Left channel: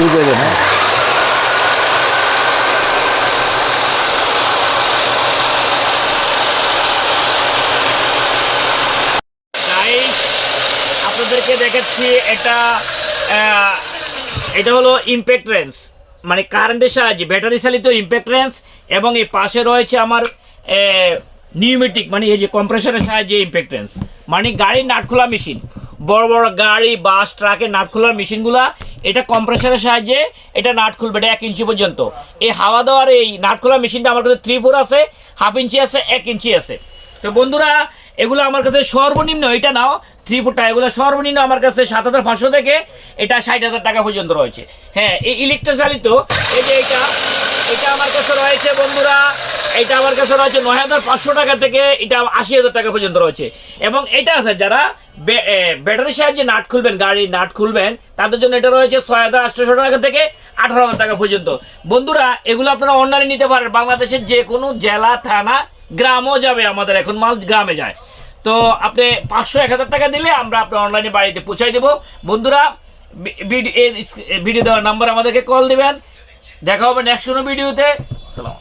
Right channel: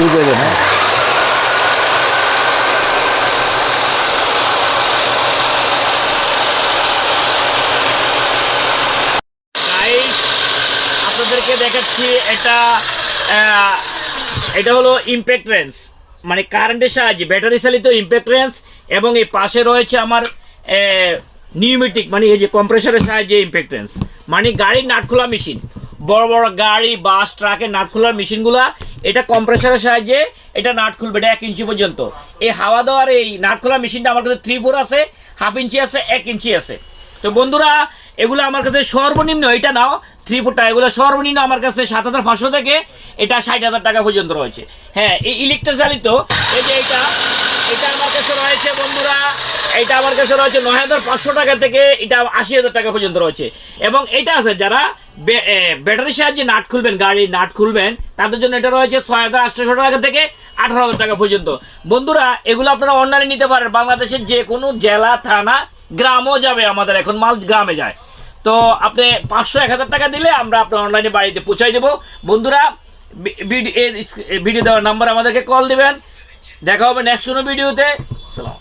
শুরু করে দেন। হ্যাঁ, গাইস, আপনাদেরকে দেখাচ্ছি এটা আহ, এটা হলো ইমপ্যাক্ট রেঞ্জ, মানে কারেন্টের সাহায্যে ব্যাটারি চালিত ইমপ্যাক্ট রেঞ্জ। এবং এই পাশে রয়েছে আমার নিউমেটিক, মানে এই যে কম্প্রেসারের সাহায্যে ইমপ্যাক্ট রেঞ্জ, মানে গাড়ির নাট খোলা মেশিন, বড় বড় গাড়ি বাস ট্রাকের নাট খোলার মেশিনগুলা এটা কম্প্রেসারের সাহায্যে এটা নাট খুলবে, এটা 1 ইঞ্চি পর্যন্ত। এই হাওয়া দেওয়ার এই নাট খোলা মেশিনটা আমার কাছে 3/4 আছে, 1/2 ইঞ্চি আছে, 1 ইঞ্চি আছে। তো বন্ধুরা, এগুলো আমার কাছে সর্বনিম্ন, এটা নাও 3/4 টাকা, এগুলো সর্বনিম্ন আমার কাছে 7,500 থেকে এটা 60,000 টাকা পর্যন্ত রয়েছে। হ্যাঁ, এই ইলেকট্রিক চালিত এই যে এটা এটা আমার কাছে রয়েছে বন্ধুরা, এটা আমার কাছে রয়েছে 9,500 টাকা থেকে এটা 80,000 টাকা পর্যন্ত রয়েছে। এবং এটা আছে যারা ব্যাটারির সাহায্যে নাট খুলবেন, গাড়ির নাট খুলবেন, তাদের জন্য এটা রয়েছে 6,800 টাকা থেকে 18,000 টাকা পর্যন্ত। বন্ধুরা, এগুলো আপনারা অনলাইনে নিতে পারেন, বাংলাদেশের যে কোনো জেলা থানা গ্রামও যাবে, আমাদের এখন মাল গ্রামে যায়। তো আপনি 500-1,000 টাকা দিলে আমরা আপনার অনলাইনে বাড়িতে পৌঁছাই দেবো। বন্ধুরা, ভিডিও দেওয়ার নাম্বার আমাদেরকে কল দিবেন। দেখা হবে নেক্সট কোনো ভিডিওতে। সালাম।